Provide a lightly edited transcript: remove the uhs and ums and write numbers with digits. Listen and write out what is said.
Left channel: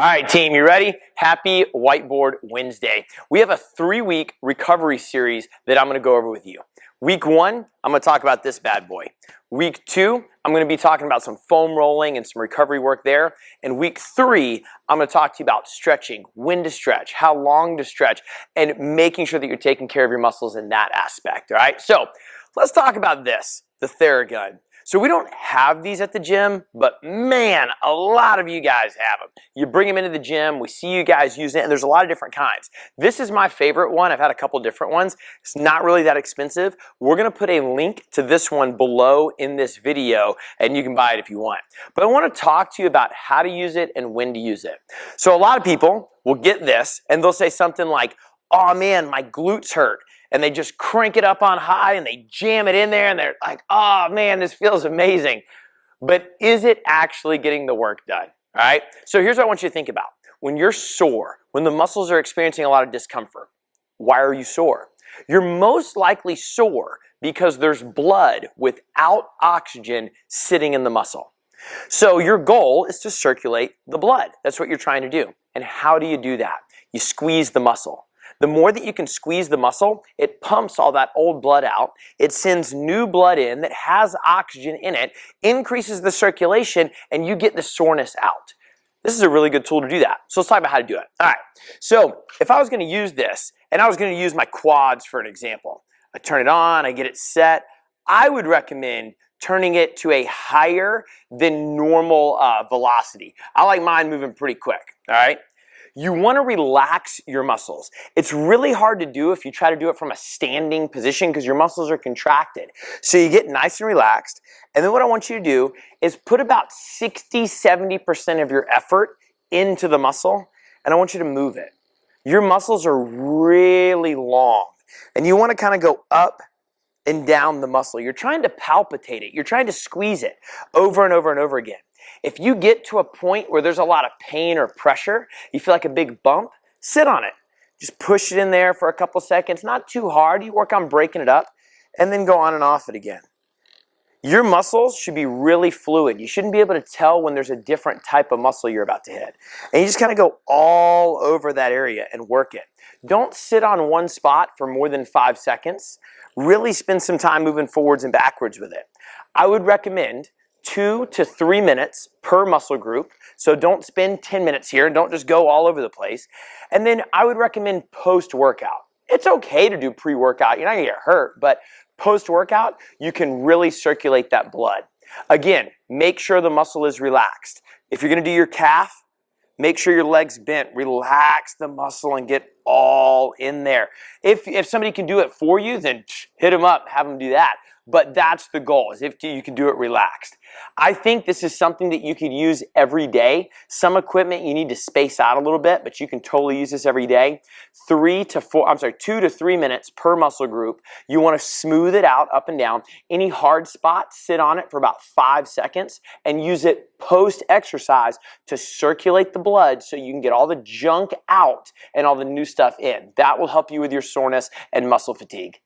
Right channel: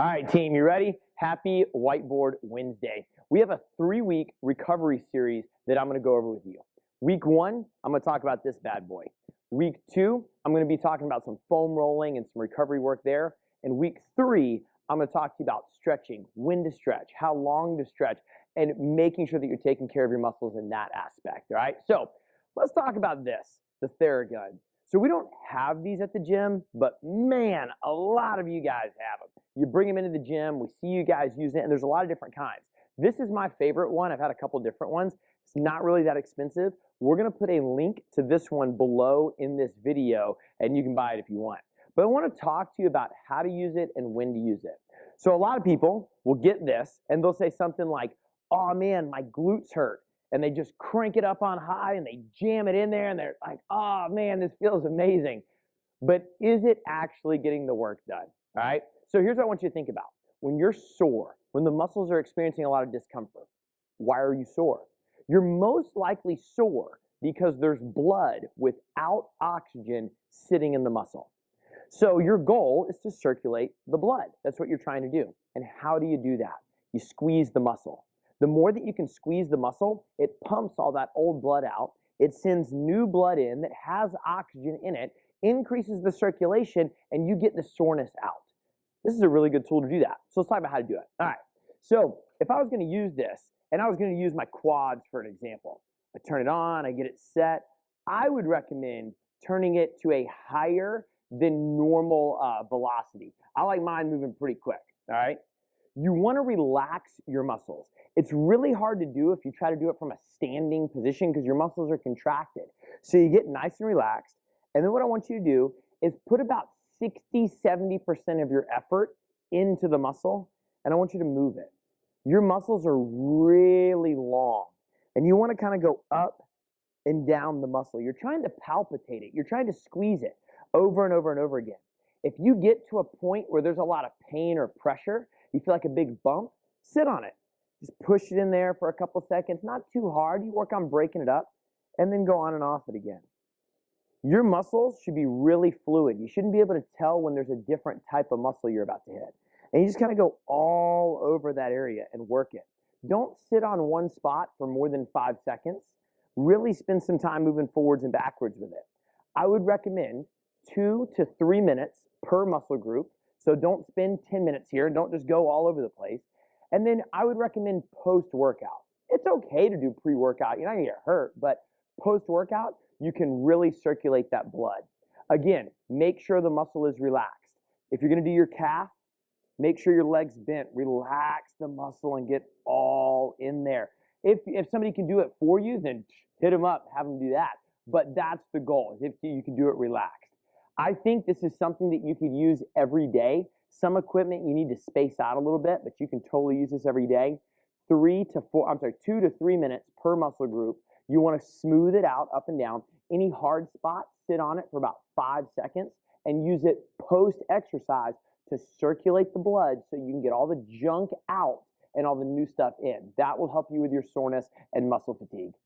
All right, team, you ready? Happy Whiteboard Wednesday. We have a 3-week recovery series that I'm going to go over with you. Week 1, I'm going to talk about this bad boy. Week 2, I'm going to be talking about some foam rolling and some recovery work there. And week 3, I'm going to talk to you about stretching, when to stretch, how long to stretch, and making sure that you're taking care of your muscles in that aspect, all right? So let's talk about this, the Theragun. So we don't have these at the gym, but man, a lot of you guys have them. You bring them into the gym, we see you guys using it, and there's a lot of different kinds. This is my favorite one. I've had a couple different ones. It's not really that expensive. We're gonna put a link to this one below in this video, and you can buy it if you want. But I wanna talk to you about how to use it and when to use it. So a lot of people will get this, and they'll say something like, oh man, my glutes hurt. And they just crank it up on high and they jam it in there and they're like, oh man, this feels amazing. But is it actually getting the work done? All right? So here's what I want you to think about. When you're sore, when the muscles are experiencing a lot of discomfort, why are you sore? You're most likely sore because there's blood without oxygen sitting in the muscle. So your goal is to circulate the blood. That's what you're trying to do. And how do you do that? You squeeze the muscle. The more that you can squeeze the muscle, it pumps all that old blood out. It sends new blood in that has oxygen in it, increases the circulation, and you get the soreness out. This is a really good tool to do that. So let's talk about how to do it. All right. So if I was going to use this, and I was going to use my quads for an example, I turn it on, I get it set, I would recommend turning it to a higher than normal velocity. I like mine moving pretty quick, all right? You want to relax your muscles. It's really hard to do if you try to do it from a standing position because your muscles are contracted. So you get nice and relaxed. And then what I want you to do is put about 60–70% of your effort into the muscle, and I want you to move it. Your muscles are really long, and you want to kind of go up and down the muscle. You're trying to palpitate it. You're trying to squeeze it over and over and over again. If you get to a point where there's a lot of pain or pressure, you feel like a big bump, sit on it. Just push it in there for a couple seconds, not too hard. You work on breaking it up and then go on and off it again. Your muscles should be really fluid. You shouldn't be able to tell when there's a different type of muscle you're about to hit. And you just kind of go all over that area and work it. Don't sit on one spot for more than 5 seconds. Really spend some time moving forwards and backwards with it. I would recommend 2 to 3 minutes per muscle group. So don't spend 10 minutes here. Don't just go all over the place. And then I would recommend post-workout. It's okay to do pre-workout. You're not going to get hurt, but post-workout, you can really circulate that blood. Again, make sure the muscle is relaxed. If you're going to do your calf, make sure your leg's bent. Relax the muscle and get all in there. If somebody can do it for you, then hit them up, have them do that. But that's the goal, is if you can do it relaxed. I think this is something that you could use every day. Some equipment you need to space out a little bit, but you can totally use this every day. 2 to 3 minutes per muscle group. You want to smooth it out up and down. Any hard spot, sit on it for about 5 seconds and use it post-exercise to circulate the blood so you can get all the junk out and all the new stuff in. That will help you with your soreness and muscle fatigue.